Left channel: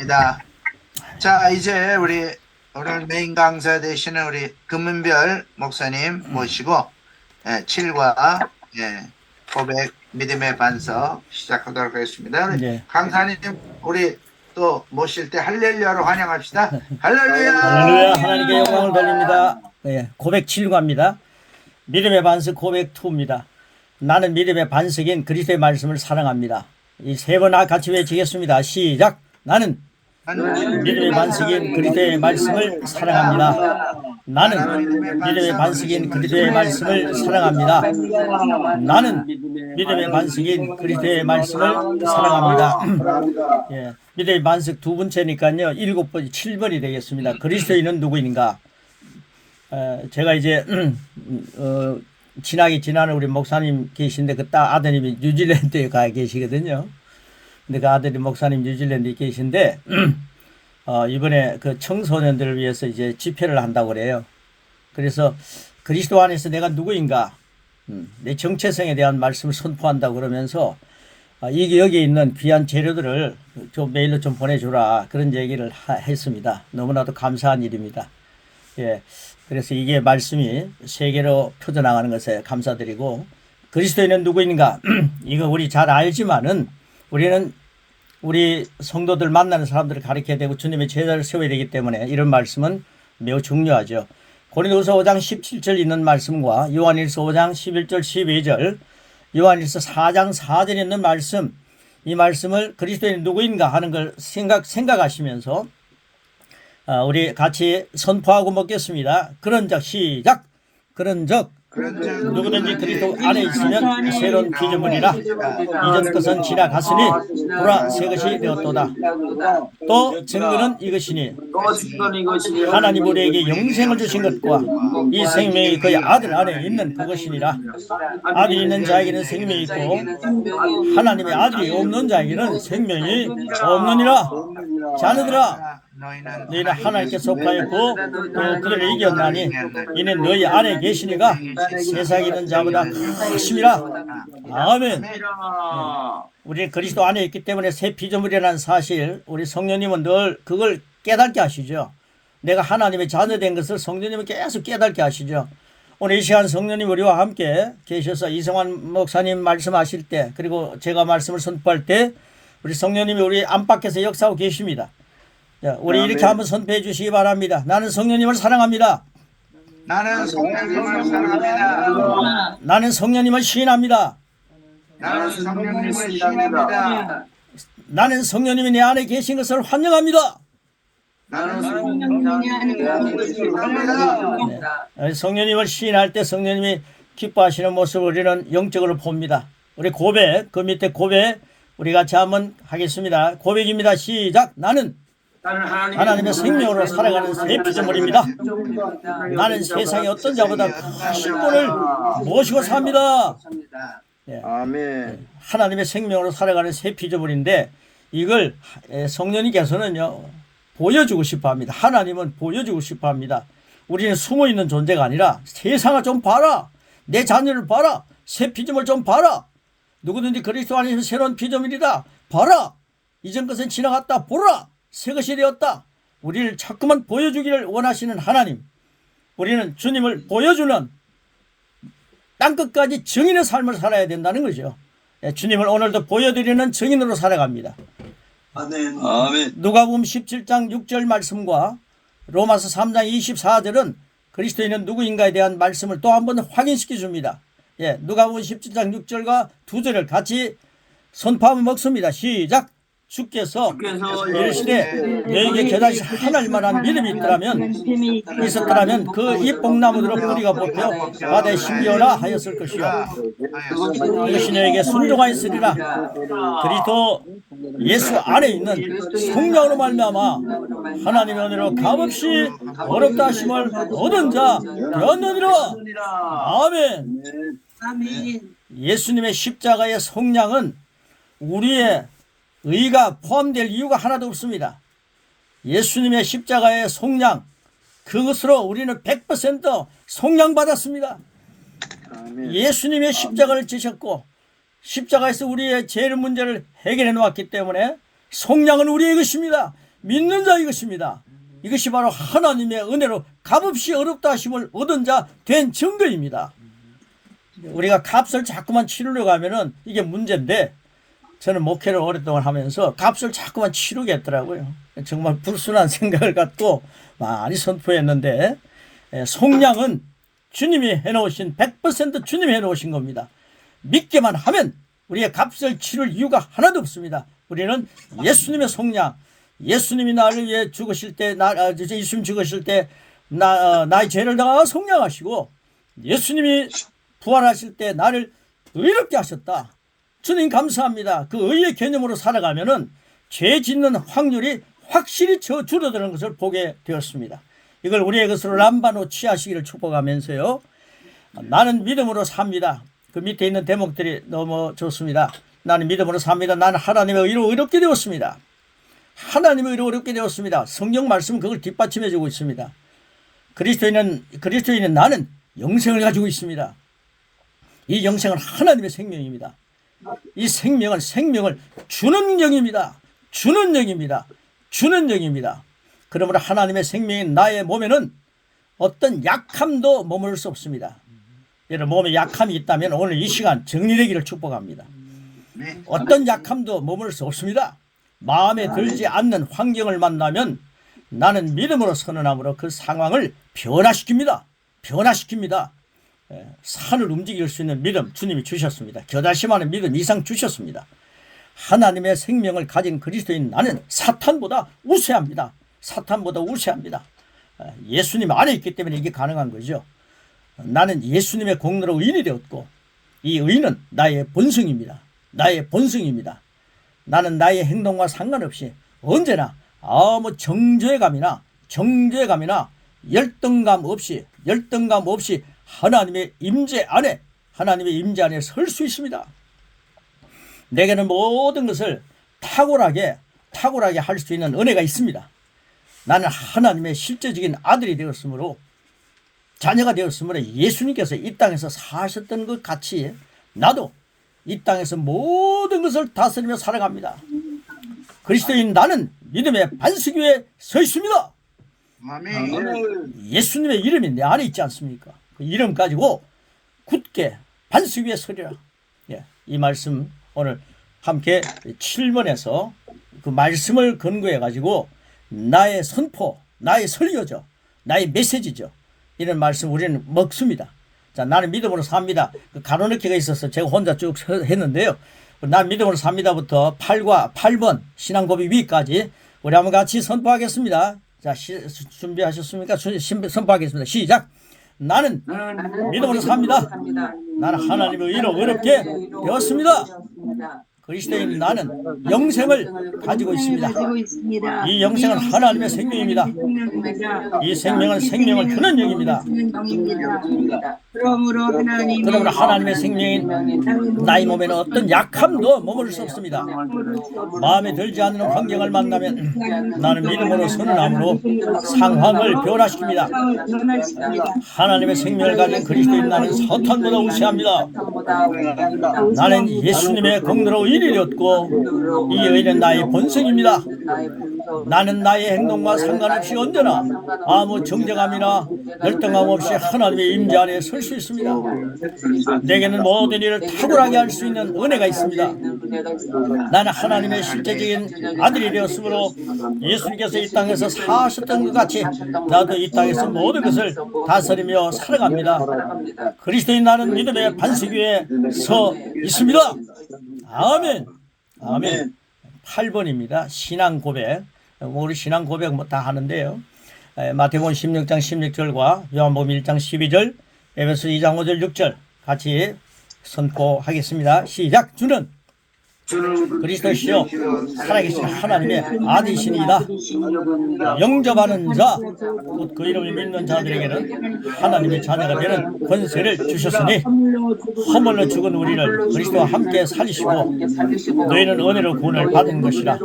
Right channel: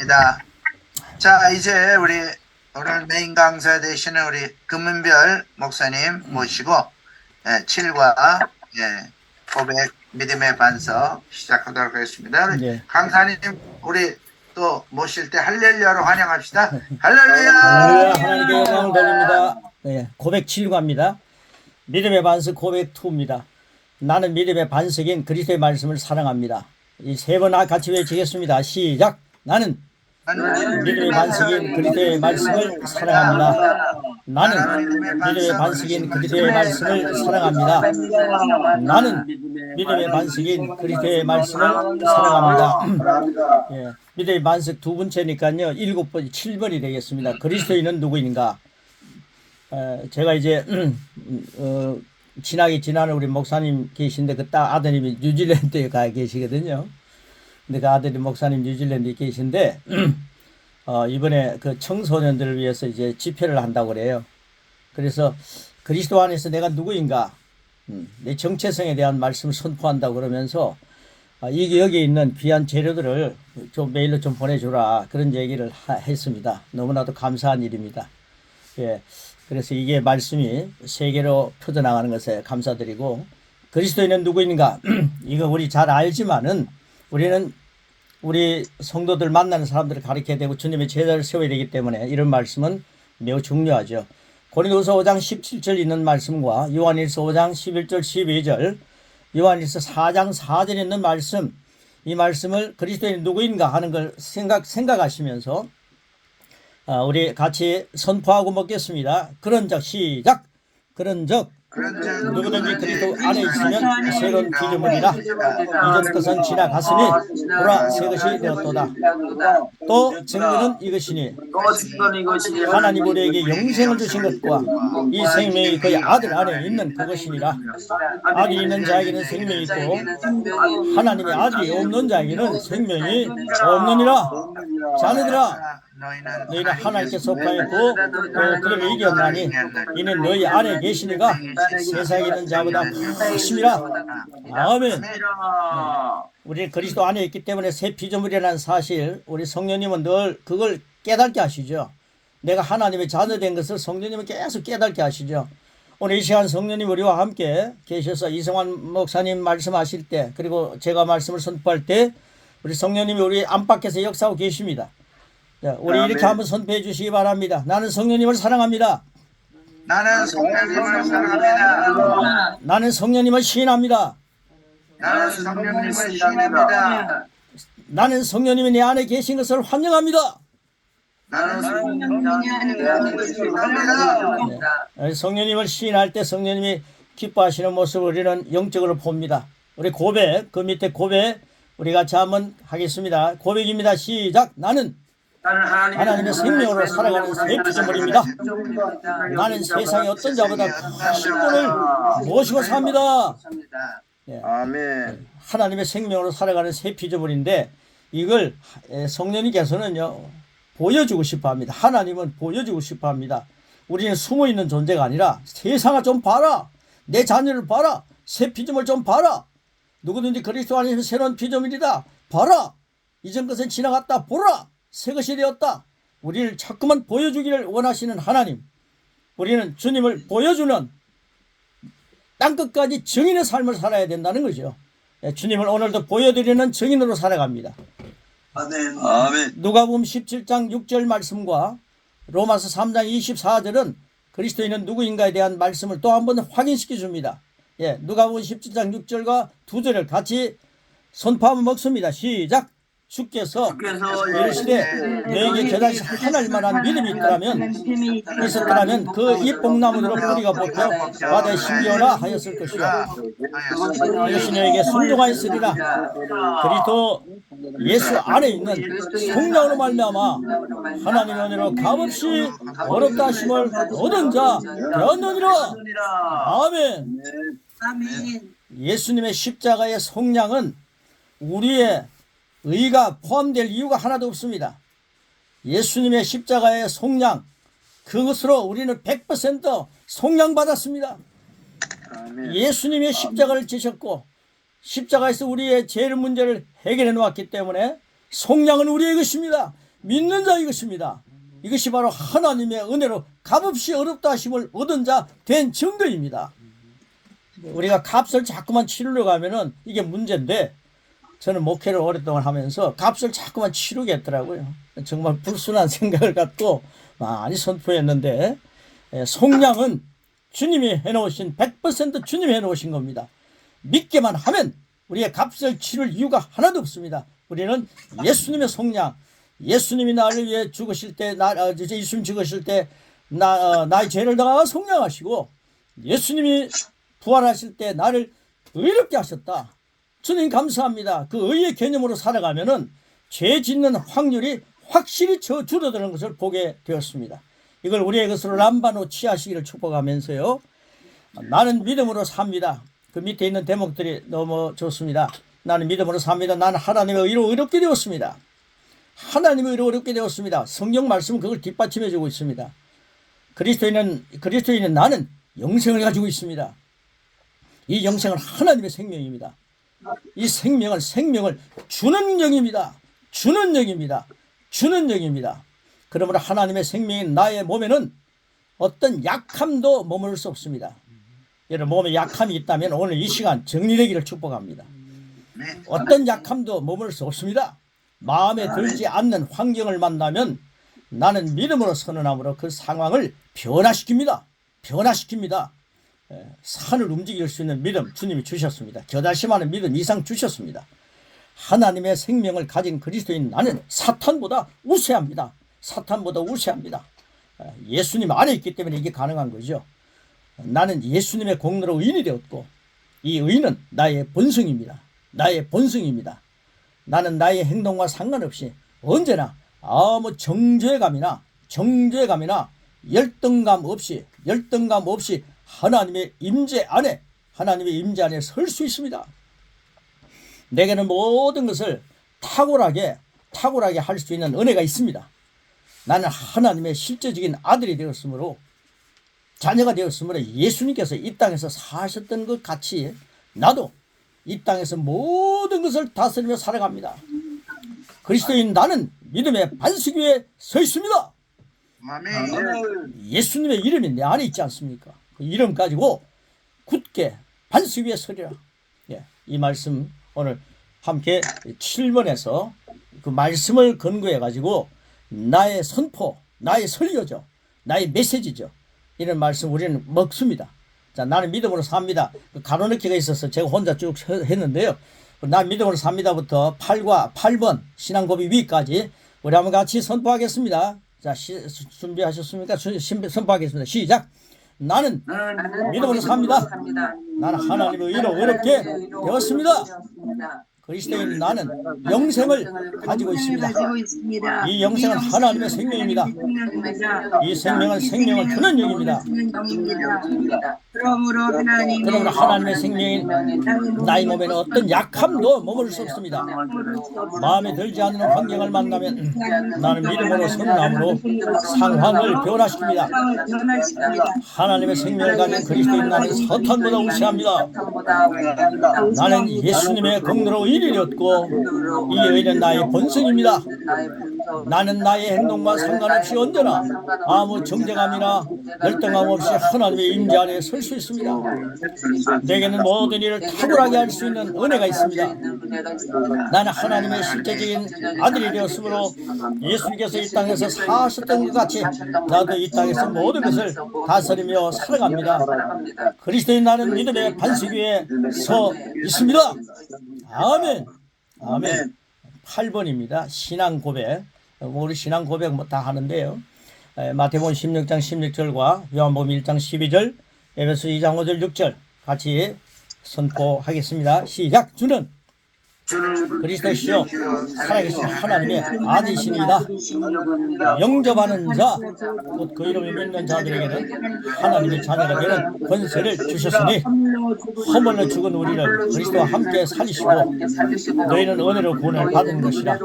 감사합니다. 자, 이제 우리 오늘 메인 강사 되시는 우리 금은별 목사님 모시고 7과 고백 믿음의 반석 시작하도록 하겠습니다. 네. 강사님 우리 또 모실 때 할렐루야로 환영합시다. 할렐루야. 할렐루야. 하나님께 영광을 돌립니다. 네, 고백 7과입니다. 믿음의 반석 고백 2입니다. 나는 믿음의 반석인 그리스도의 말씀을 사랑합니다. 이 세 번 같이 외치겠습니다. 시작. 나는 믿음의 반석인 그리스도의 말씀을 사랑합니다. 나는 믿음의 반석인 그리스도의 말씀을 사랑합니다. 나는 믿음의 반석인 그리스도의 말씀을 사랑합니다. 예, 믿음의 반석 두 번째니까요. 7번, 7번이 되겠습니다. 그리스도인은 누구인가? 제가 이제 지나는 우리 목사님 계신데 그 아드님이 뉴질랜드에 가 계시거든요. 근데 그 아들이 목사님 뉴질랜드에 계신데 이번에 그 청소년들을 위해서 이제 집회를 한다고 그래요. 그래서 그리스도 안에서 내가 누구인가, 내 정체성에 대한 말씀을 선포한다고 그러면서 이게 여기 있는 귀한 재료들을 좀 메일로 좀 보내주라 그런 얘기를 했습니다. 너무나도 감사한 일입니다. 예, 그래서 이게 말씀이 세계로 퍼져나가는 것에 감사드리고, 그리스도인은 누구인가 이거 우리 잘 알지만은 우리는 우리 성도들 만나는 사람들을 가르쳐야 되고 주님의 제자를 세워야 되기 때문에 이런 말씀은 매우 중요하죠. 고린도후서 5장 17절 있는 말씀과 요한일서 5장 11절 12절, 요한일서 4장 4절에 있는 말씀, 이 말씀을 그리스도인은 누구인가 하는 걸 생각하시면서 우리 같이 선포하고 먹겠습니다. 그런즉 시작. 그런즉 누구든지 그리스도 안에 있으면 새로운 피조물이라 이전 것은 지나갔으니 보라 새 것이 되었도다. 또 증거는 이것이니 하나님 우리에게 영생을 주신 것과 이 생명이 그의 아들 안에 있는 그것이니라. 아들이 있는 자에게는 생명이 있고 하나님의 아들이 없는 자에게는 생명이 없느니라. 자녀들아, 너희는 하나님께 속하였고 또 그들을 이겼나니 이는 너희 안에 계시니가 세상에 있는 자보다 크심이라. 아멘. 네. 우리 그리스도 안에 있기 때문에 새 피조물이라는 사실, 우리 성령님은 늘 그걸 깨닫게 하시죠. 내가 하나님의 자녀된 것을 성령님은 계속 깨닫게 하시죠. 오늘 이 시간 성령님 우리와 함께 계셔서 이성환 목사님 말씀하실 때, 그리고 제가 말씀을 선포할 때 우리 성령님이 우리 안팎에서 역사하고 계십니다. 자, 우리 이렇게 한번 선포해 주시기 바랍니다. 나는 성령님을 사랑합니다. 나는 성령님을 사랑합니다. 나는 성령님을 시인합니다. 나는 성령님을 시인합니다. 나는 성령님이 내 안에 계신 것을 환영합니다. 나는 성령님을 환영합니다. 네. 성령님을 시인할 때 성령님이 기뻐하시는 모습을 우리는 영적으로 봅니다. 우리 고백, 그 밑에 고백 우리 같이 한번 하겠습니다. 고백입니다. 시작. 나는 하나님의 생명으로 살아가는 새 피조물입니다. 나는 세상의 어떤 자보다 크신 분을 모시고 삽니다. 예. 아멘. 하나님의 생명으로 살아가는 새 피조물인데 이걸 성령님께서는요 보여주고 싶어합니다. 하나님은 보여주고 싶어합니다. 우리는 숨어있는 존재가 아니라 세상을 좀 봐라, 내 자녀를 봐라, 새 피조물 좀 봐라, 누구든지 그리스도 안에서 새로운 피조물이다 봐라, 이전 것은 지나갔다 보라, 새 것이 되었다. 우리를 자꾸만 보여주기를 원하시는 하나님, 우리는 주님을 보여주는 땅끝까지 증인의 삶을 살아야 된다는 거죠. 주님을 오늘도 보여드리는 증인으로 살아갑니다. 아멘. 아멘. 누가복음 17장 6절 말씀과 로마서 3장 24절은 그리스도인은 누구인가에 대한 말씀을 또 한 번 확인시켜 줍니다. 예, 누가복음 17장 6절과 2절을 같이 선포하면 먹습니다. 시작. 주께서 이르시되 너에게 겨자씨 하나님만한 믿음이 있었더라면 그 잎봉나무대로 뿌리가 뽑혀 바다에 심기어라 하였을 것이요 이것이 너에게 순종하였으리라. 그리스도 예수 안에 있는 성령으로 말미암아 하나님의 은혜로 값없이 어렵다 하심을 얻은 자 되었느니라. 아멘. 예수님의 십자가의 속량은 우리의 의가 포함될 이유가 하나도 없습니다. 예수님의 십자가의 속량, 그것으로 우리는 100% 속량받았습니다. 예수님의 십자가를 지셨고 십자가에서 우리의 죄의 문제를 해결해 놓았기 때문에 속량은 우리의 것입니다. 믿는 자 이것입니다. 이것이 바로 하나님의 은혜로 값없이 어렵다 하심을 얻은 자 된 증거입니다. 우리가 값을 자꾸만 치르려고 하면은 이게 문제인데, 저는 목회를 오랫동안 하면서 값을 자꾸만 치르겠더라고요. 정말 불순한 생각을 갖고 많이 선포했는데, 속량은 주님이 해놓으신 100% 주님이 해놓으신 겁니다. 믿기만 하면 우리의 값을 치를 이유가 하나도 없습니다. 우리는 예수님의 속량, 예수님이 나를 위해 죽으실 때, 예수님 죽으실 때 나의 죄를 다 속량하시고, 예수님이 부활하실 때 나를 의롭게 하셨다. 주님 감사합니다. 그 의의 개념으로 살아가면은 죄 짓는 확률이 확실히 줄어드는 것을 보게 되었습니다. 이걸 우리의 것으로 람바노 취하시기를 축복하면서요. 나는 믿음으로 삽니다. 그 밑에 있는 대목들이 너무 좋습니다. 나는 믿음으로 삽니다. 나는 하나님의 의로 의롭게 되었습니다. 하나님의 의로 의롭게 되었습니다. 성경 말씀은 그걸 뒷받침해 주고 있습니다. 그리스도인은 나는 영생을 가지고 있습니다. 이 영생은 하나님의 생명입니다. 이 생명은 생명을 주는 영입니다. 주는 영입니다. 주는 영입니다. 그러므로 하나님의 생명인 나의 몸에는 어떤 약함도 머무를 수 없습니다. 여러분 몸에 약함이 있다면 오늘 이 시간 정리되기를 축복합니다. 어떤 약함도 머무를 수 없습니다. 마음에 들지 않는 환경을 만나면 나는 믿음으로 선언함으로 그 상황을 변화시킵니다. 변화시킵니다. 산을 움직일 수 있는 믿음 주님이 주셨습니다. 겨다심하는 믿음 이상 주셨습니다. 하나님의 생명을 가진 그리스도인 나는 사탄보다 우세합니다. 사탄보다 우세합니다. 예수님 안에 있기 때문에 이게 가능한 거죠. 나는 예수님의 공로로 의인이 되었고 이 의인은 나의 본성입니다. 나의 본성입니다. 나는 나의 행동과 상관없이 언제나 아무 정죄감이나 열등감 없이 하나님의 임재 안에 설 수 있습니다. 내게는 모든 것을 탁월하게 할 수 있는 은혜가 있습니다. 나는 하나님의 실제적인 아들이 되었으므로 자녀가 되었으므로 예수님께서 이 땅에서 사셨던 것 같이 나도 이 땅에서 모든 것을 다스리며 살아갑니다. 그리스도인 나는 믿음의 반석 위에 서 있습니다. 아멘. 예수님의 이름이 내 안에 있지 않습니까? 그 이름 가지고 굳게 반석 위에 서리라. 이 말씀 오늘 함께 7번에서 그 말씀을 근거해 가지고 나의 선포, 나의 설교죠. 나의 메시지죠. 이런 말씀 우리는 먹습니다. 자, 나는 믿음으로 삽니다. 그 가로넣기가 있어서 제가 혼자 쭉 했는데요. 나는 믿음으로 삽니다부터 8번 신앙고백 위까지 우리 한번 같이 선포하겠습니다. 자, 준비하셨습니까? 선포하겠습니다. 시작. 나는 믿음으로 삽니다. 나는 하나님의 의로 의롭게 되었습니다. 그리스도인 나는 영생을 가지고 있습니다. 이 영생은 하나님의 생명입니다. 이 생명은 생명을 주는 영입니다. 그러므로 하나님의 생명인 나의 몸에는 어떤 약함도 머무를 수 없습니다. 마음에 들지 않는 환경을 만나면 나는 믿음으로 선언함으로 상황을 변화시킵니다. 하나님의 생명을 가진 그리스도인 나는 사탄보다 우세합니다. 나는 예수님의 공로로 의인이 되었고 이 의인은 나의 본성입니다. 나는 나의 행동과 상관없이 언제나 아무 정죄감이나 열등감 없이 하나님의 임재 안에 설 수 있습니다. 내게는 모든 일을 탁월하게 할 수 있는 은혜가 있습니다. 나는 하나님의 실제적인 아들이 되었으므로 예수님께서 이 땅에서 사셨던 것 같이 나도 이 땅에서 모든 것을 다스리며 살아갑니다. 그리스도인 나는 믿음의 반석 위에 서 있습니다. 아멘. 아멘. 8번입니다. 신앙 고백. 우리 신앙 고백 다 하는데요. 마태복음 16장 16절과 요한복음 1장 12절, 에베소 2장 5절 6절 같이 선포하겠습니다. 시작. 주는 그리스도시요 살아계신 하나님의 아들이시니이다. 영접하는 자, 곧 그 이름을 믿는 자들에게는 하나님의 자녀가 되는 권세를 주셨으니 허물로 죽은 우리를 그리스도와 함께 살리시고 너희는 은혜로 구원을 받은 것이라.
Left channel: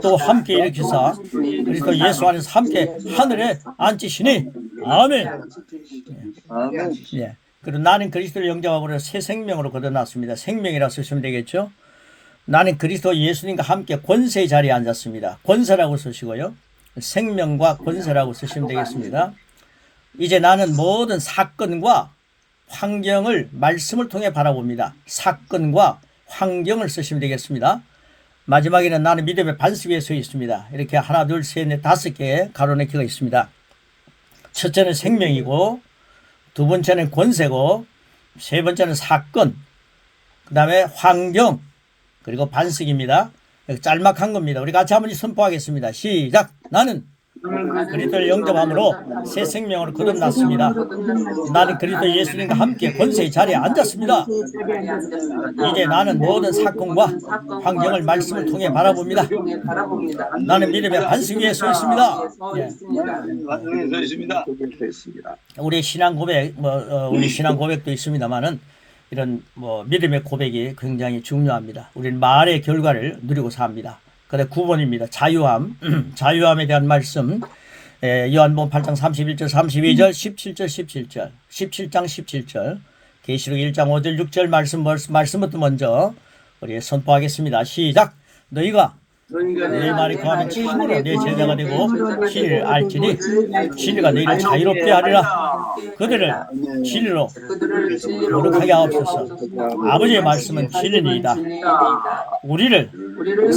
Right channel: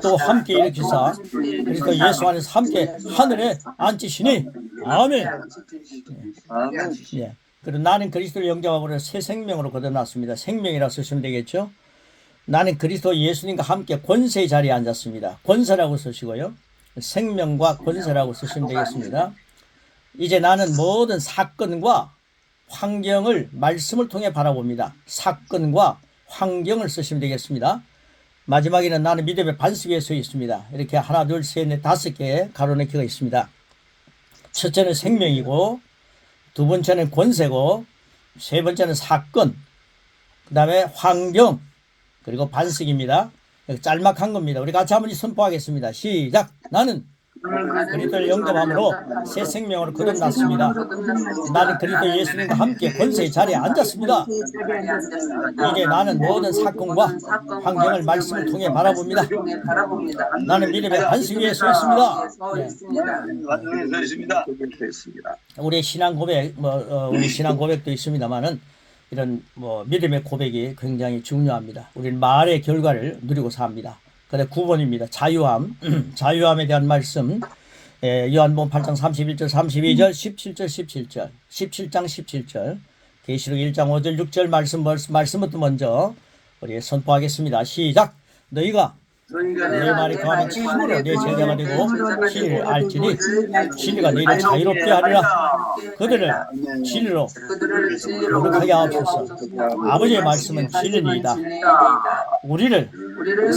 또 함께 일으키사 그리스도 예수 안에서 함께 하늘에 앉히시니. 아멘. 그리고 나는 그리스도를 영접함으로 새 생명으로 거둬놨습니다. 생명이라 쓰시면 되겠죠. 나는 그리스도 예수님과 함께 권세의 자리에 앉았습니다. 권세라고 쓰시고요. 생명과 권세라고 쓰시면 되겠습니다. 이제 나는 모든 사건과 환경을 말씀을 통해 바라봅니다. 사건과 환경을 쓰시면 되겠습니다. 마지막에는 나는 믿음의 반석 위에 서 있습니다. 이렇게 하나, 둘, 셋, 넷, 5개의 가로넣기가 있습니다. 첫째는 생명이고, 두 번째는 권세고, 세 번째는 사건, 그 다음에 환경, 그리고 반석입니다. 짤막한 겁니다. 우리 같이 한번 선포하겠습니다. 시작. 나는 그리스도를 영접함으로 새 생명으로 거듭났습니다. 나는 그리스도 예수님과 함께 권세의 자리에 앉았습니다. 이제 나는 모든 사건과 환경을 말씀을 통해 바라봅니다. 나는 믿음의 반석 위에 서 있습니다. 예. 우리 신앙 고백, 우리 신앙 고백도 있습니다만은 이런 믿음의 고백이 굉장히 중요합니다. 우리는 말의 결과를 누리고 삽니다. 그래 9번입니다. 자유함. 자유함에 대한 말씀. 요한복음 8장 31절 32절 17절 17절 17장 17절 계시록 1장 5절 6절 말씀부터 먼저 우리 선포하겠습니다. 시작. 너희가 내 말이 거하면 참으로 내 제자가 되고 진리를 알지니 진리가 너희를 자유롭게 하리라. 그들을 진리로 거룩하게 하옵소서. 아버지의 말씀은 진리니이다. 우리를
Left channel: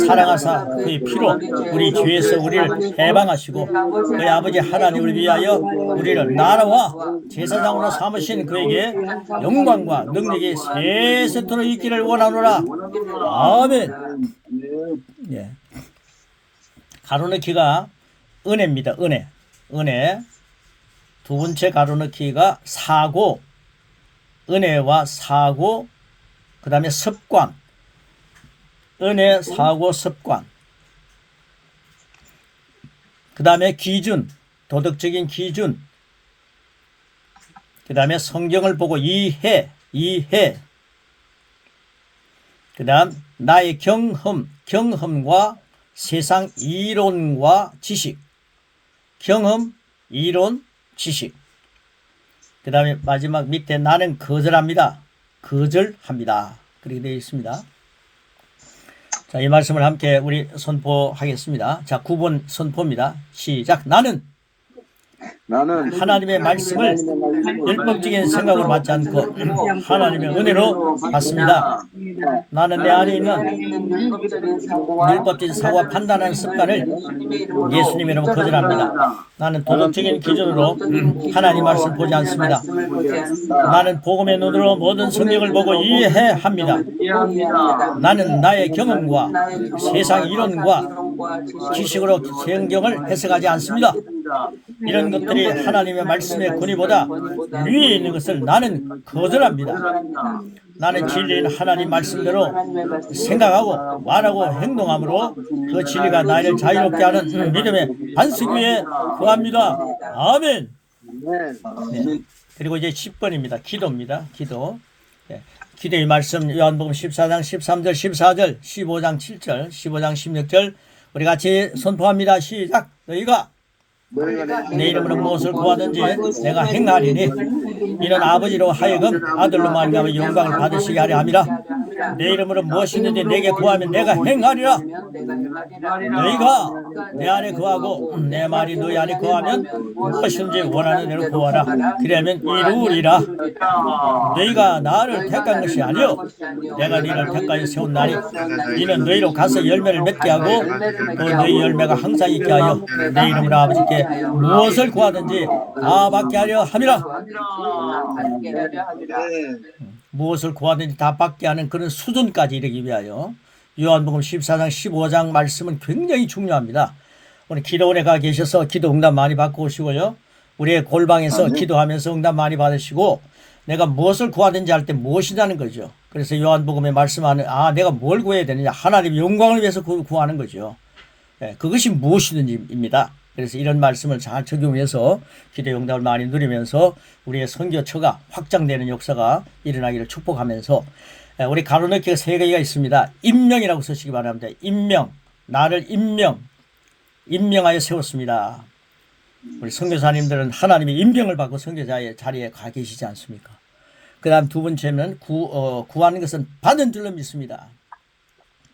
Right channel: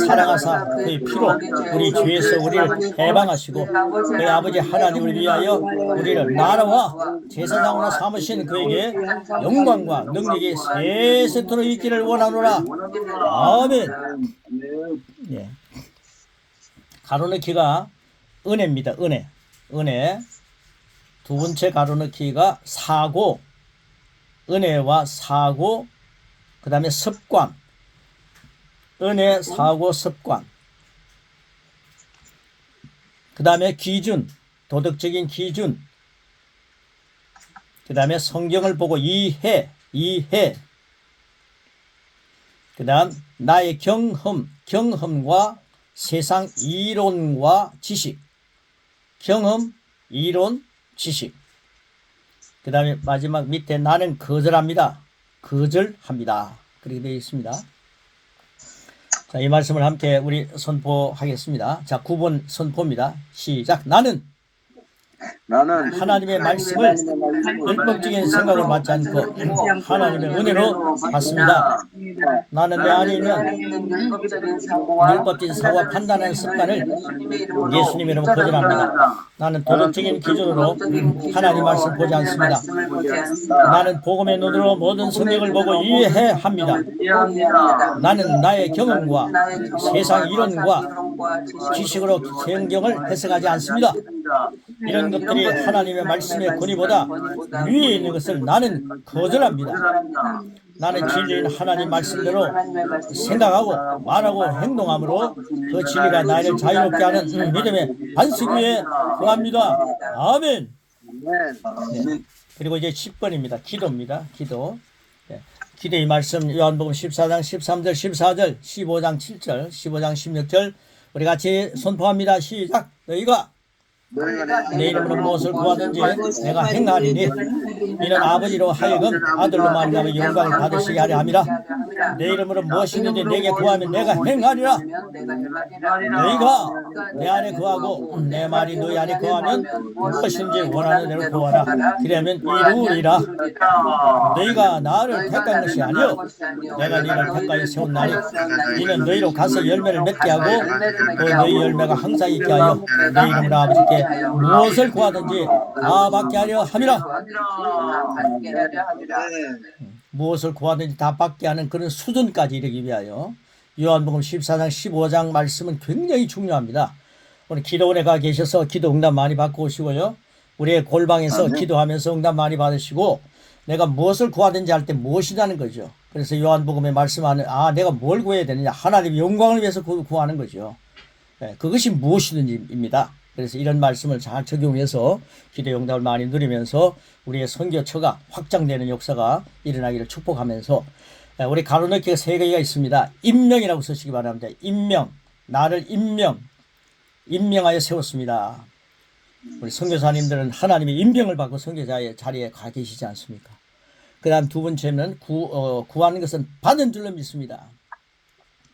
사랑하사 그의 피로 우리 죄에서 우리를 해방하시고 그의 아버지 하나님을 위하여 우리를 나라와 제사장으로 삼으신 그에게 영광과 능력이 세세토록 있기를 원하노라. 아멘. 예. 가로넣기가 은혜입니다. 은혜. 두 번째 가로넣기가 사고, 은혜와 사고, 그 다음에 습관. 은혜, 사고, 습관. 그 다음에 기준, 도덕적인 기준. 그 다음에 성경을 보고 이해. 그 다음 나의 경험과 세상 이론과 지식. 경험, 이론, 지식. 그 다음에 마지막 밑에 나는 거절합니다. 그렇게 되어 있습니다. 자, 이 말씀을 함께 우리 선포하겠습니다. 자, 9번 선포입니다. 시작. 나는 하나님의 말씀을 율법적인 생각으로 받지 않고 하나님의 은혜로 받습니다. 나는 내 안에 있는 율법적인 사고와 판단하는 습관을 예수님의 이름으로 거절합니다. 나는 도덕적인 기준으로 하나님 말씀을 보지 않습니다. 나는 복음의 눈으로 모든 성경을 보고 이해합니다. 나는 나의 경험과 세상 이론과 지식으로 성경을 해석하지 않습니다. 이런 것들이 하나님의 말씀의 권위보다 위에 있는 것을 나는 거절합니다. 나는 진리인 하나님 말씀대로 생각하고 말하고 행동함으로 그 진리가 나를 자유롭게 하는 믿음의 반석 위에 거합니다. 아멘. 네. 그리고 이제 10번입니다. 기도입니다. 기도. 네. 기도의 말씀 요한복음 14장 13절 14절 15장 7절 15장 16절 우리 같이 선포합니다. 시작. 너희가 내 이름으로 무엇을 구하든지 내가 행하리니 이는 아버지로 하여금 아들로 말미암아 영광을 받으시게 하려 함이라. 내 이름으로 무엇이든지 내게 구하면 내가 행하리라. 너희가 내 안에 거하고 내 말이 너희 안에 거하면 무엇이든지 원하는 대로 구하라. 그러면 이루리라. 너희가 나를 택한 것이 아니요 내가 너희를 택하여 세운 날이 이는 너희로 가서 열매를 맺게 하고 또 너희 열매가 항상 있게 하여 내 이름으로 아버지께 무엇을 구하든지 다 받게 하려 함이라. 무엇을 구하든지 다 받게 하는 그런 수준까지 이르기 위하여 요한복음 14장 15장 말씀은 굉장히 중요합니다. 오늘 기도원에 가 계셔서 기도 응답 많이 받고 오시고요. 우리의 골방에서 기도하면서 응답 많이 받으시고 내가 무엇을 구하든지 할 때 무엇이라는 거죠. 그래서 요한복음에 말씀하는 내가 뭘 구해야 되느냐. 하나님의 영광을 위해서 구하는 거죠. 네, 그것이 무엇이든지입니다. 그래서 이런 말씀을 잘 적용해서 기도 응답을 많이 누리면서 우리의 선교처가 확장되는 역사가 일어나기를 축복하면서 우리 가로넣기가 3개가 있습니다. 임명이라고 쓰시기 바랍니다. 임명. 나를 임명하여 세웠습니다. 우리 선교사님들은 하나님의 임명을 받고 선교자의 자리에 가 계시지 않습니까? 그 다음 두 번째는 구하는 것은 받은 줄로 믿습니다.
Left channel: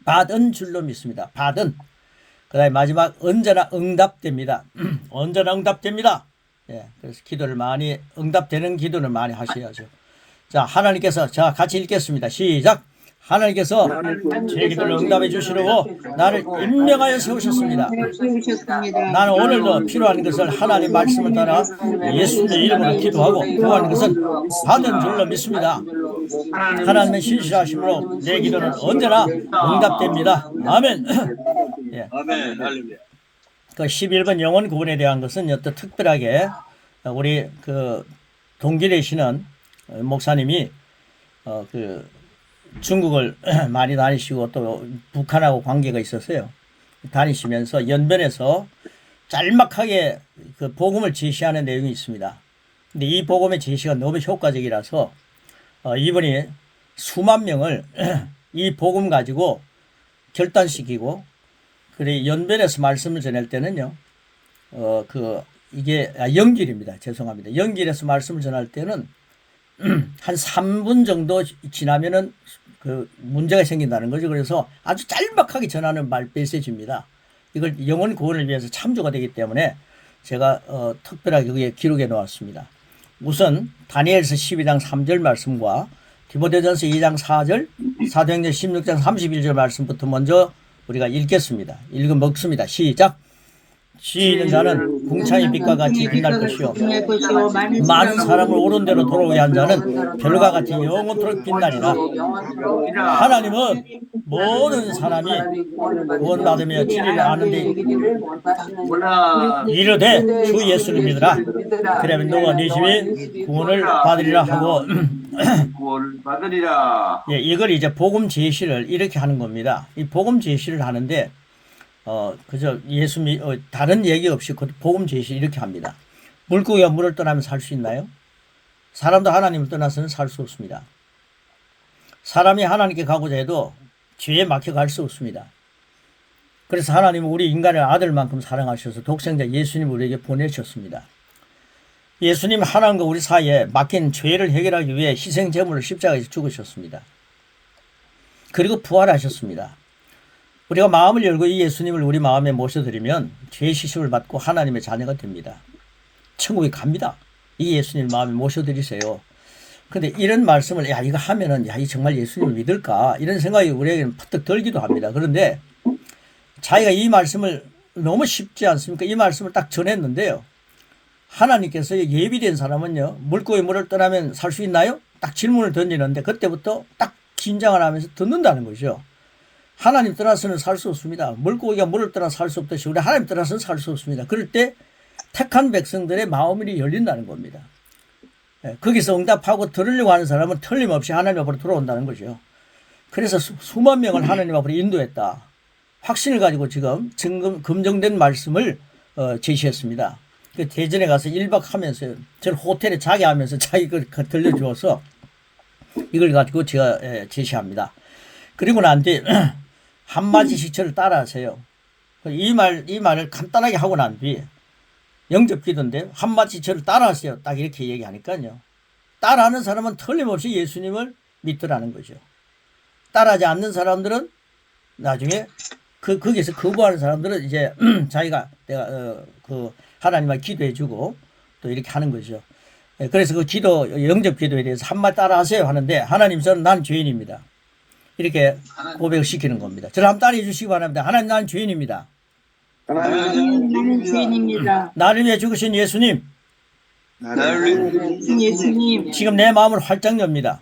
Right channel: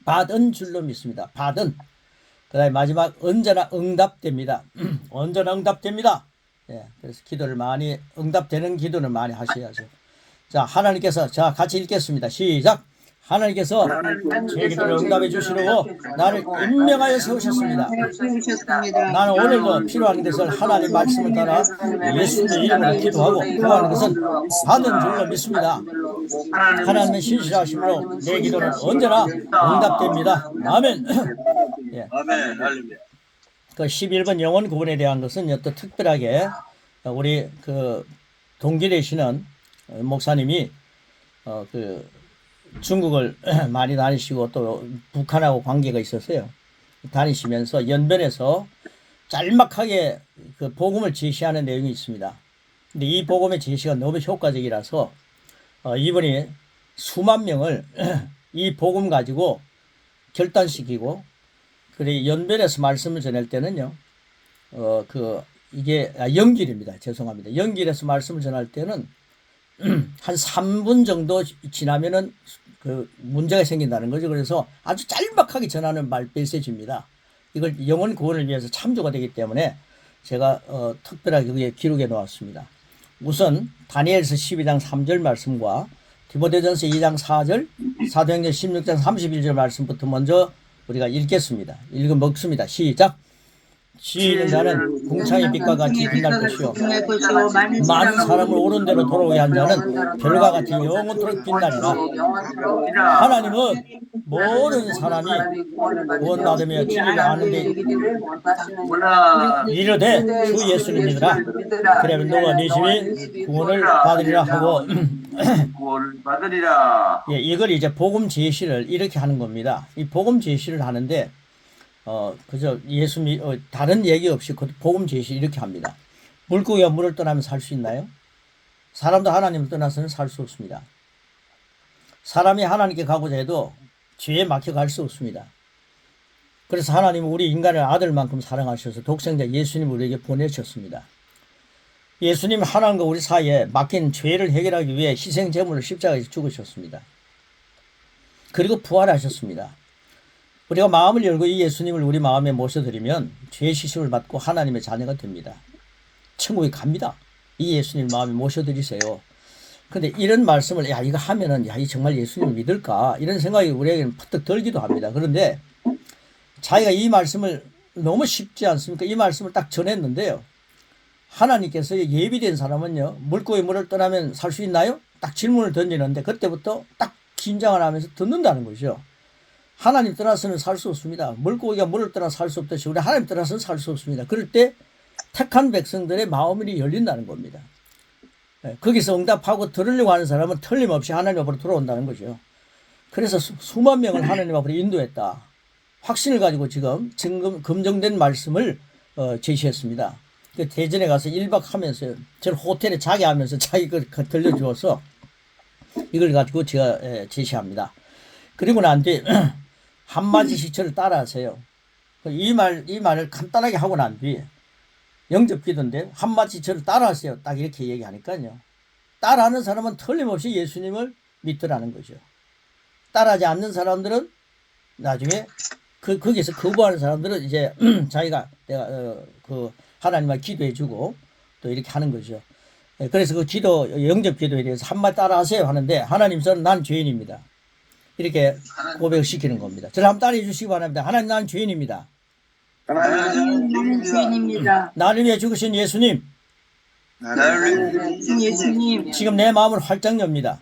받은 줄로 믿습니다. 받은. 그 다음에 마지막 언제나 응답됩니다. 언제나 응답됩니다. 예, 그래서 기도를 많이 응답되는 기도를 많이 하셔야죠. 자, 하나님께서 자 같이 읽겠습니다. 시작. 하나님께서 제 기도를 응답해 주시려고 나를 임명하여 세우셨습니다. 나는 오늘도 필요한 것을 하나님 말씀을 따라 예수님의 이름으로 기도하고 구하는 것은 받은 줄로 믿습니다. 하나님의 신실하심으로 내 기도는 언제나 응답됩니다. 아멘. 예. 아멘. 할렐루야. 그 11번 영혼 구원에 대한 것은 또 특별하게 우리 그 동기되시는 목사님이 그 중국을 많이 다니시고 또 북한하고 관계가 있었어요. 다니시면서 연변에서 짤막하게 그 복음을 제시하는 내용이 있습니다. 근데 이 복음의 제시가 너무 효과적이라서 이분이 수만 명을 이 복음 가지고 결단시키고 그래 연변에서 말씀을 전할 때는요. 이게 연길입니다. 죄송합니다. 연길에서 말씀을 전할 때는 한 3분 정도 지나면은 그 문제가 생긴다는 거죠. 그래서 아주 짤막하게 전하는 메시지입니다. 이걸 영혼 구원을 위해서 참조가 되기 때문에 제가 특별하게 여기에 기록해 놓았습니다. 우선 다니엘서 12장 3절 말씀과 디모데전서 2장 4절, 사도행전 16장 31절 말씀부터 먼저 우리가 읽겠습니다. 읽어 먹습니다. 시작. 지혜 있는 자는 궁창의 빛과 같이 빛날 것이요 많은 사람을 옳은 대로 돌아오게 한 자는 별과 같이 영원토록 빛나리라. 하나님은 모든 사람이 구원받으며 진리를 아는데 이르되 주 예수를 믿으라. 그러면 너와 네 집이 구원을 받으리라 하고 예, 이걸 이제 복음 제시를 이렇게 하는 겁니다. 이 복음 제시를 하는데 그저 다른 얘기 없이 그 복음 제시 이렇게 합니다. 물고기가 물을 떠나면 살 수 있나요? 사람도 하나님을 떠나서는 살 수 없습니다. 사람이 하나님께 가고자 해도 죄에 막혀갈 수 없습니다. 그래서 하나님은 우리 인간을 아들만큼 사랑하셔서 독생자 예수님을 우리에게 보내셨습니다. 예수님 하나님과 우리 사이에 막힌 죄를 해결하기 위해 희생제물을 십자가에서 죽으셨습니다. 그리고 부활하셨습니다. 우리가 마음을 열고 이 예수님을 우리 마음에 모셔드리면 죄 시심을 받고 하나님의 자녀가 됩니다. 천국에 갑니다. 이 예수님 마음에 모셔드리세요. 근데 이런 말씀을 이거 하면은 이 정말 예수님을 믿을까 이런 생각이 우리에게는 퍼뜩 들기도 합니다. 그런데 자기가 이 말씀을 너무 쉽지 않습니까? 이 말씀을 딱 전했는데요. 하나님께서 예비된 사람은요. 물고기 물을 떠나면 살 수 있나요? 딱 질문을 던지는데 그때부터 딱 긴장을 하면서 듣는다는 거죠. 하나님 떠나서는 살 수 없습니다. 물고기가 물을 떠나 살 수 없듯이 우리 하나님 떠나서는 살 수 없습니다. 그럴 때 택한 백성들의 마음이 열린다는 겁니다. 거기서 응답하고 들으려고 하는 사람은 틀림없이 하나님 앞으로 돌아온다는 거죠. 그래서 수만 명을 하나님 앞으로 인도했다. 확신을 가지고 지금 검증된 말씀을 제시했습니다. 그 대전에 가서 1박 하면서 저는 호텔에 자게 하면서 자기 걸 들려주어서 이걸 가지고 제가 제시합니다. 그리고 난 뒤에 한마디씩 저를 따라하세요. 이 말을 간단하게 하고 난 뒤에 영접 기도인데 한마디 저를 따라하세요. 딱 이렇게 얘기하니까요. 따라하는 사람은 틀림없이 예수님을 믿더라는 거죠. 따라하지 않는 사람들은 나중에 거기서 거부하는 사람들은 이제 내가 하나님과 기도해주고 또 이렇게 하는 거죠. 그래서 그 영접 기도에 대해서 한마디 따라하세요 하는데 하나님 난 죄인입니다. 이렇게 고백을 시키는 겁니다. 저를 한번 따라해 주시기 바랍니다. 하나님 나는 죄인입니다. 나는 죄인입니다. 나를 위해 죽으신 예수님. 예수님. 지금 내 마음을 활짝 엽니다.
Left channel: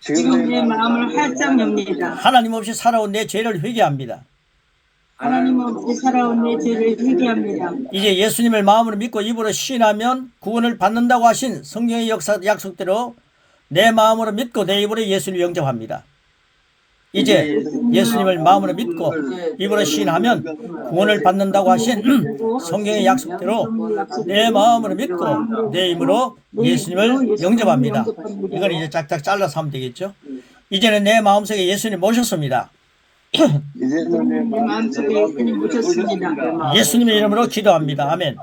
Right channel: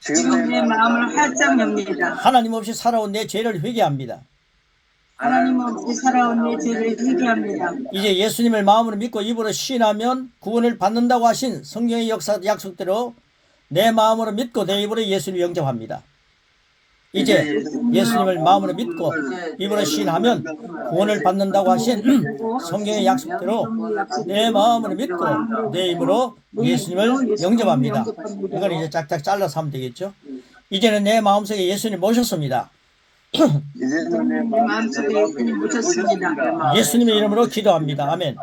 지금 내 마음을 활짝 엽니다. 하나님 없이 살아온 내 죄를 회개합니다. 하나님 없이 살아온 내 죄를 회개합니다. 이제 예수님을 마음으로 믿고 입으로 시인하면 구원을 받는다고 하신 성경의 약속대로 내 마음으로 믿고 내 입으로 예수를 영접합니다. 이제 예수님을 마음으로 믿고 입으로 시인하면 구원을 받는다고 하신 성경의 약속대로 내 마음으로 믿고 내 입으로 예수님을 영접합니다. 이걸 이제 짝짝 잘라서 하면 되겠죠. 이제는 내 마음속에 예수님 모셨습니다. 내 마음속에 예수님 모셨습니다. 예수님의 이름으로 기도합니다. 아멘.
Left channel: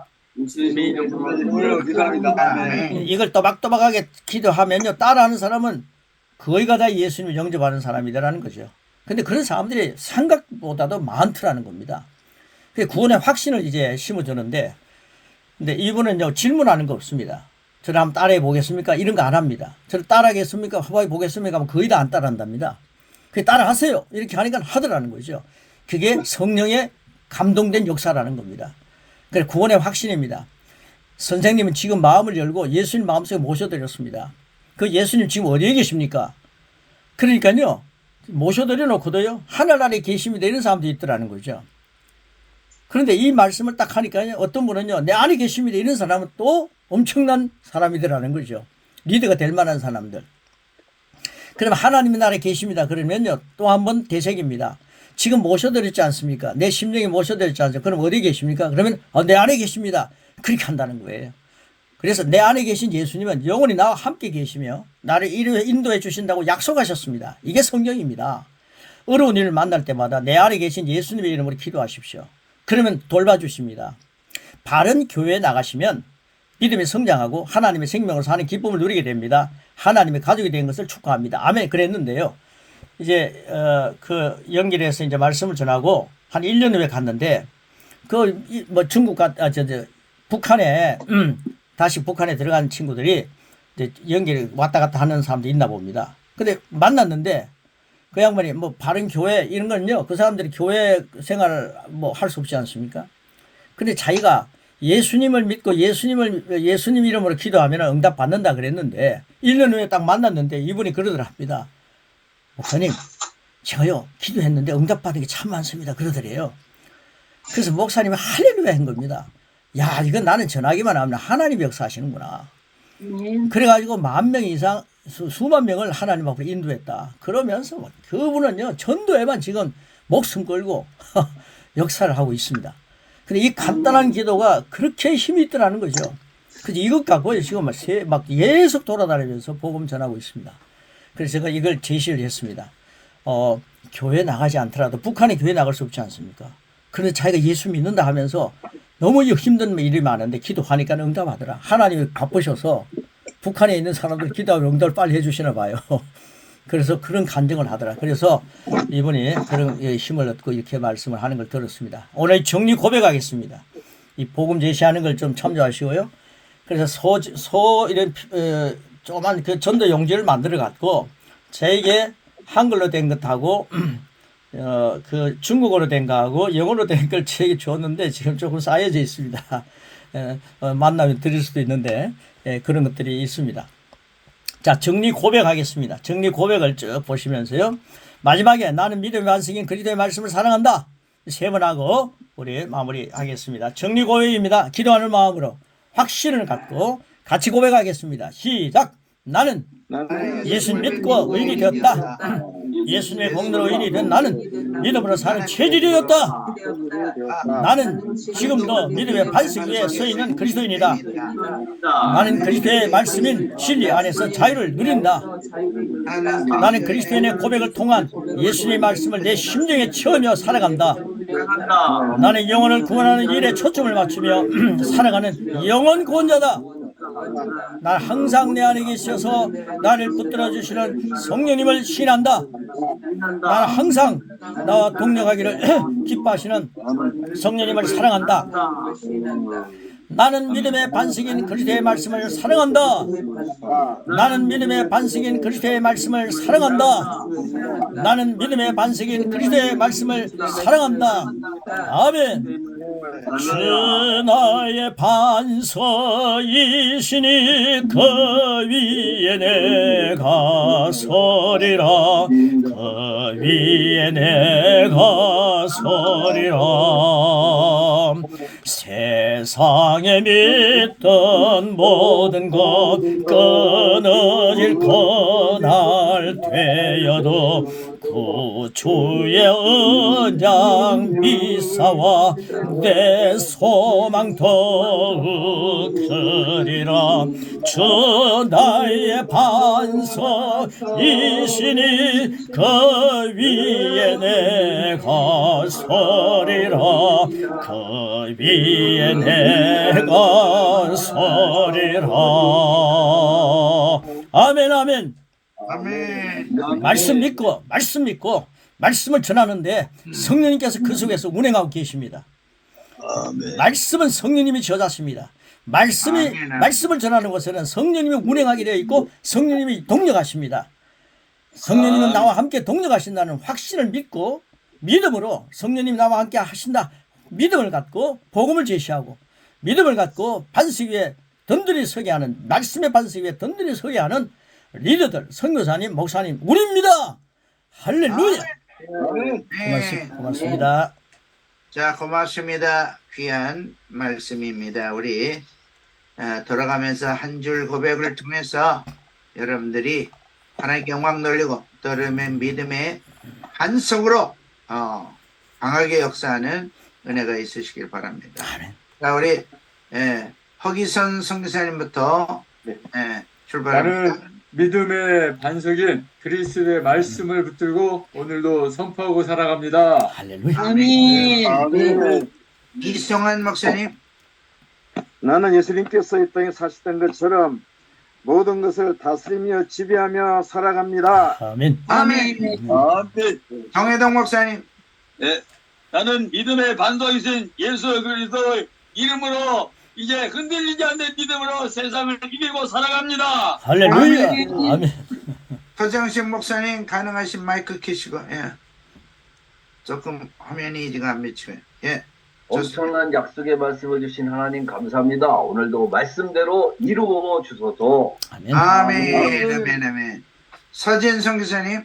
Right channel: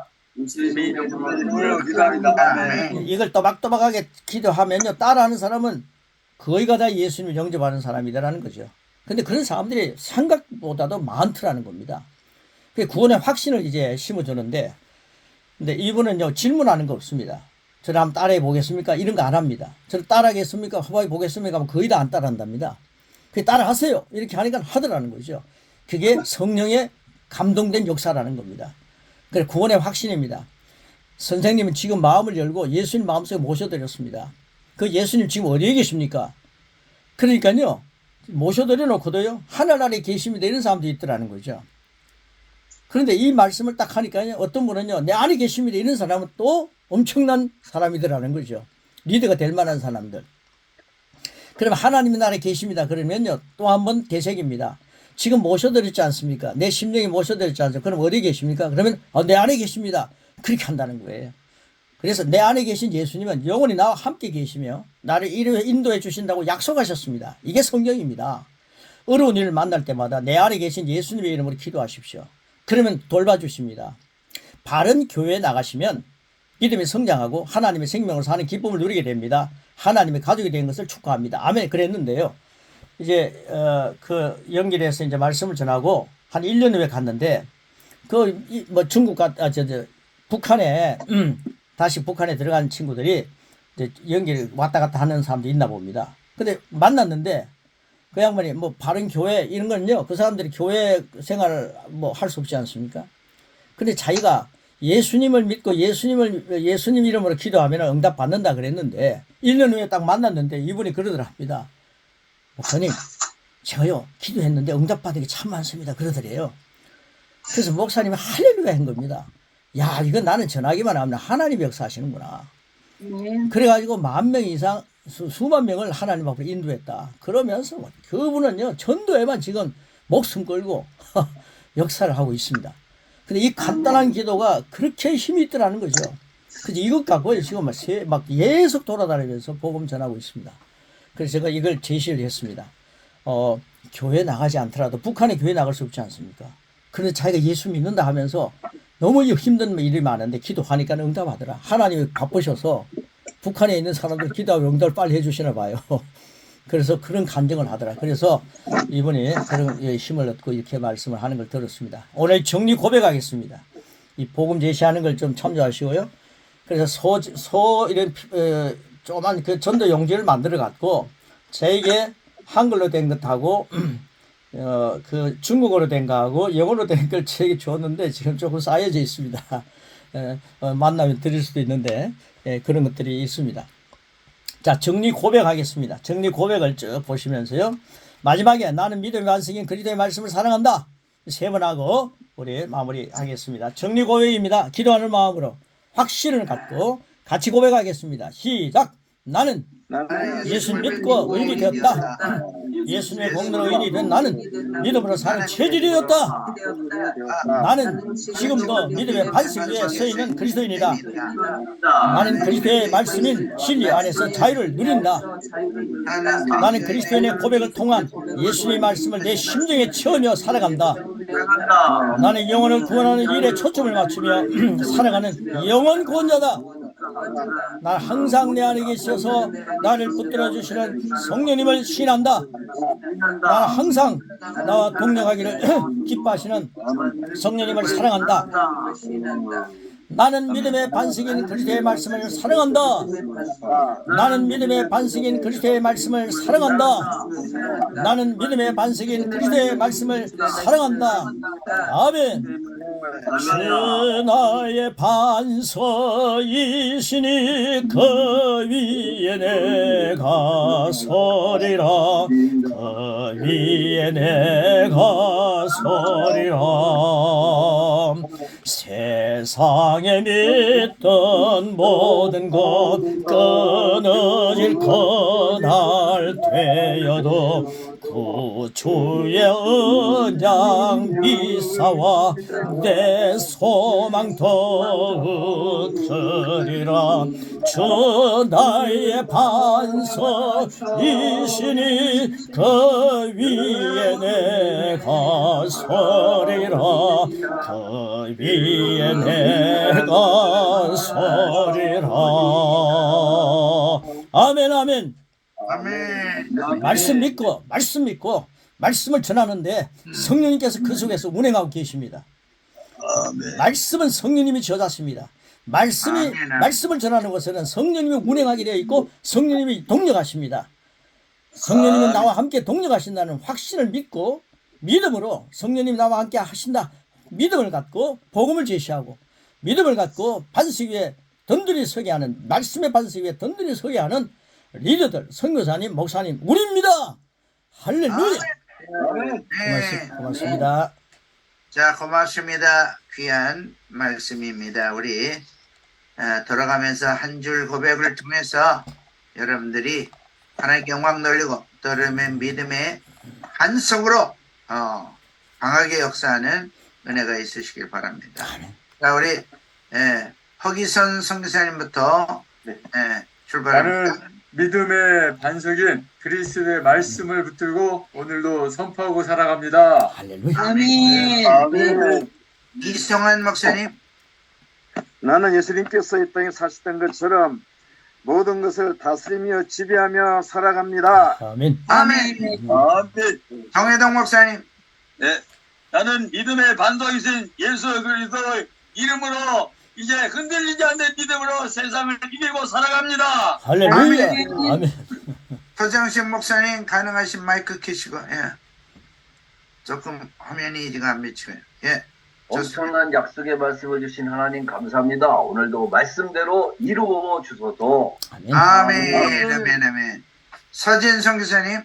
이걸 또박또박하게 기도하면요. 따라하는 사람은 거의가 다 예수님을 영접하는 사람이라는 거죠. 근데 그런 사람들이 생각보다도 많더라는 겁니다. 그 구원의 확신을 이제 심어주는데, 근데 이분은요, 질문하는 거 없습니다. 저를 한번 따라해 보겠습니까? 이런 거 안 합니다. 저를 따라하겠습니까? 해봐 보겠습니까? 하면 거의 다 안 따라한답니다. 그 따라하세요. 이렇게 하니까 하더라는 거죠. 그게 성령의 감동된 역사라는 겁니다. 그래, 구원의 확신입니다. 선생님은 지금 마음을 열고 예수님 마음속에 모셔드렸습니다. 그 예수님 지금 어디에 계십니까? 그러니까요, 모셔드려 놓고도요, 하늘 아래 계십니다. 이런 사람도 있더라는 거죠. 그런데 이 말씀을 딱 하니까요, 어떤 분은요, 내 안에 계십니다. 이런 사람은 또 엄청난 사람이더라는 거죠. 리더가 될 만한 사람들. 그럼 하나님의 나라에 계십니다. 그러면요, 또 한 번 되새깁니다. 지금 모셔드렸지 않습니까? 내 심령에 모셔드렸지 않습니까? 그럼 어디 계십니까? 그러면 내 안에 계십니다. 그렇게 한다는 거예요. 그래서 내 안에 계신 예수님은 영원히 나와 함께 계시며 나를 인도해 주신다고 약속하셨습니다. 이게 성경입니다. 어려운 일을 만날 때마다 내 안에 계신 예수님의 이름으로 기도하십시오. 그러면 돌봐주십니다. 바른 교회에 나가시면 믿음이 성장하고 하나님의 생명을 사는 기쁨을 누리게 됩니다. 하나님의 가족이 된 것을 축하합니다. 아멘. 그랬는데요. 이제 그 연결해서 이제 말씀을 전하고 한 1년 후에 갔는데 중국 북한에 다시 북한에 들어간 친구들이 이제 연결 왔다 갔다 하는 사람도 있나 봅니다. 근데 만났는데 그 양반이 뭐 바른 교회 이런 건요, 그 사람들이 교회 생활을 뭐 할 수 없지 않습니까? 근데 자기가 예수님을 믿고 예수님 이름으로 기도하면 응답 받는다 그랬는데 1년 후에 딱 만났는데 이분이 그러더랍니다. 목사님, 제가요 기도했는데 응답 받은 게 참 많습니다. 그러더래요. 그래서 목사님이 할렐루야 한 겁니다. 야, 이건 나는 전하기만 하면 하나님이 역사하시는구나. 그래가지고 10,000명 이상 수만 명을 하나님 앞으로 인도했다. 그러면서 그분은요, 전도에만 지금 목숨 걸고 역사를 하고 있습니다. 근데 이 간단한 기도가 그렇게 힘이 있더라는 거죠. 그래서 이것 갖고 지금 막 계속 돌아다니면서 복음 전하고 있습니다. 그래서 제가 이걸 제시를 했습니다. 교회 나가지 않더라도 북한에 교회 나갈 수 없지 않습니까? 그런데 자기가 예수 믿는다 하면서 너무 힘든 일이 많은데 기도하니까 응답하더라. 하나님이 바쁘셔서 북한에 있는 사람들 기도하면 응답을 빨리 해주시나 봐요. 그래서 그런 간증을 하더라. 그래서 이분이 그런 힘을 얻고 이렇게 말씀을 하는 걸 들었습니다. 오늘 정리 고백하겠습니다. 이 복음 제시하는 걸 좀 참조하시고요. 그래서 이런 조그만 그 전도 용지를 만들어 갖고 저에게 한글로 된 것하고 그 중국어로 된 거하고 영어로 된 걸 저에게 줬는데 지금 조금 쌓여져 있습니다. 만나면 드릴 수도 있는데 그런 것들이 있습니다. 자, 정리 고백하겠습니다. 정리 고백을 쭉 보시면서요. 마지막에 나는 믿음의 완성인 그리스도의 말씀을 사랑한다. 3번 하고 우리 마무리하겠습니다. 정리 고백입니다. 기도하는 마음으로 확신을 갖고 같이 고백하겠습니다. 시작. 나는 예수 믿고 의인이 되었다. 예수님의 공로로 의인이 된 나는 믿음으로 사는 체질이 되었다. 나는 지금도 믿음의 반석 위에 서 있는 그리스도인이다. 나는 그리스도의 말씀인 진리 안에서 자유를 누린다. 나는 그리스도인의 고백을 통한 예수님의 말씀을 내 심정에 채우며 살아간다. 나는 영혼을 구원하는 일에 초점을 맞추며 살아가는 영혼 구원자다. 난 항상 내 안에 계셔서 나를 붙들어 주시는 성령님을 신한다. 난 항상 나와 동력하기를 기뻐하시는 성령님을 사랑한다. 나는 믿음의 반석인 그리스도의 말씀을 사랑한다. 나는 믿음의 반석인 그리스도의 말씀을 사랑한다. 나는 믿음의 반석인 그리스도의 말씀을 사랑한다. 아멘. 주 나의 반석이시니 그 위에 내가 서리라. 그 위에 내가 서리라. 세상에 믿던 모든 것 끊어질 그날 되어도 구주의 언약 미사와 내 소망 더욱 크리라. 주 나의 반석이시니 그 위에 내가 서리라. 그 위에 내가 서리라. 아멘 아멘. 아멘. 말씀 믿고 말씀을 전하는데 성령님께서 그 속에서 운행하고 계십니다. 아멘. 말씀은 성령님이 저자십니다. 말씀을 전하는 것에는 성령님이 운행하게 되어 있고 성령님이 동력하십니다. 성령님은 나와 함께 동력하신다는 확신을 믿고 믿음으로 성령님이 나와 함께 하신다 믿음을 갖고 복음을 제시하고 믿음을 갖고 반석 위에 든든히 서게 하는 말씀의 반석 위에 든든히 서게 하는 리더들 선교사님 목사님 우리입니다. 할렐루야. 네. 고맙습니다. 자, 고맙습니다. 귀한 말씀입니다. 우리 돌아가면서 한 줄 고백을 통해서 여러분들이 하나님께 영광 돌리고 또 여러분의 믿음의 반석으로 강하게 역사하는 은혜가 있으시길 바랍니다. 자, 우리 허기선 선교사님부터 출발합니다. 나는 믿음의 반석인 그리스도의 말씀을 붙들고 오늘도 선포하고 살아갑니다. 할렐루야. 아멘. 아멘. 이성환 목사님. 나는 예수님께서 이 땅에 사시던 것처럼 모든 것을 다스리며 지배하며 살아갑니다. 아멘. 아멘. 아멘. 정혜동 목사님. 네. 나는 믿음의 반석이신 예수 그리스도의 이름으로 이제 흔들리지 않는 믿음으로 세상을 이기고 살아갑니다. 할렐루야. 아멘. 서정식 목사님 가능하신 마이크 켜시고 조금 화면이 지금 안 비치고요. 엄청난 약속의 말씀을 주신 하나님 감사합니다. 오늘도 말씀대로 이루어 주소서. 아멘. 아멘. 서진성 교사님.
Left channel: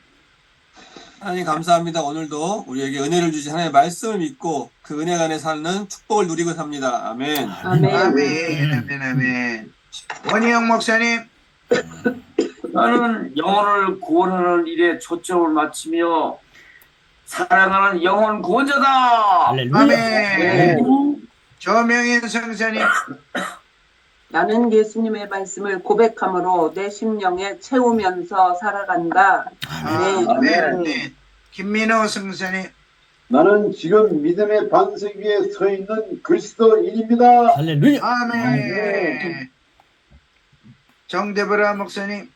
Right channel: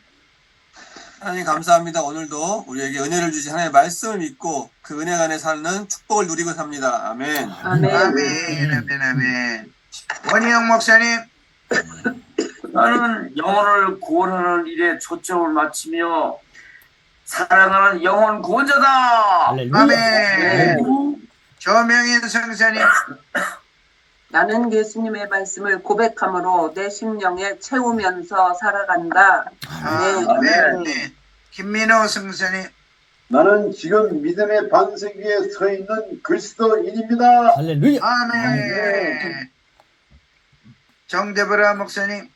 하나님 감사합니다. 오늘도 우리에게 은혜를 주신 하나님의 말씀을 믿고 그 은혜 안에 사는 축복을 누리고 삽니다. 아멘. 아멘. 원희영 목사님. 나는 영혼을 구원하는 일에 초점을 맞추며 사랑하는 영혼 구원자다. 할렐루야. 아멘. 조명인 선교사님. 나는 예수님의 말씀을 고백함으로 내 심령에 채우면서 살아간다. 아멘. 김민호 선교사님. 나는 지금 믿음의 반석 위에 서 있는 그리스도인입니다. 할렐루야. 아멘. 정대보라 목사님.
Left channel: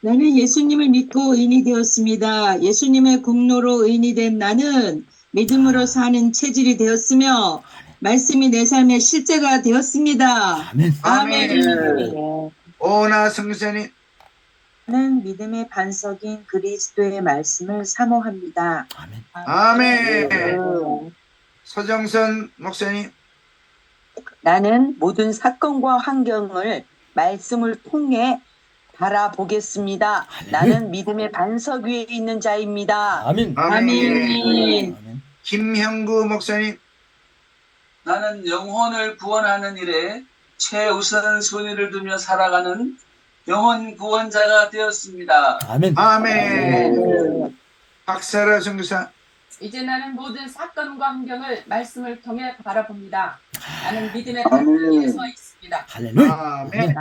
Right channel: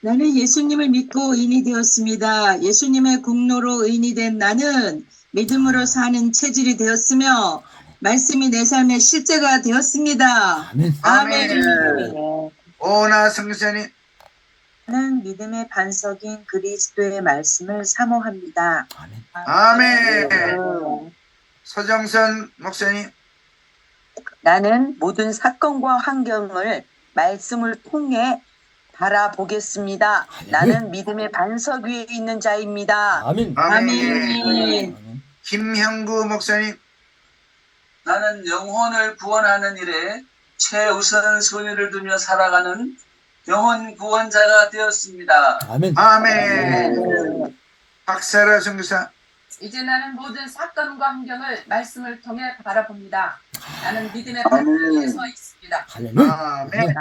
나는 예수님을 믿고 의인이 되었습니다. 예수님의 공로로 의인이 된 나는 믿음으로 사는 체질이 되었으며 말씀이 내 삶의 실제가 되었습니다. 아멘. 아멘. 오나 선교사님. 나는 믿음의 반석인 그리스도의 말씀을 사모합니다. 아멘. 서정선 목사님. 나는 모든 사건과 환경을 말씀을 통해 바라보겠습니다. 나는 믿음의 반석 위에 있는 자입니다. 아멘. 아멘. 김형구 목사님. 나는 영혼을 구원하는 일에 최우선 순위를 두며 살아가는 영혼 구원자가 되었습니다. 아멘. 아멘. 박사라 선교사. 이제 나는 모든 사건과 환경을 말씀을 통해 바라봅니다. 나는 믿음의 아멘. 반석 위에 서 있습니다. 할렐루야. 아멘.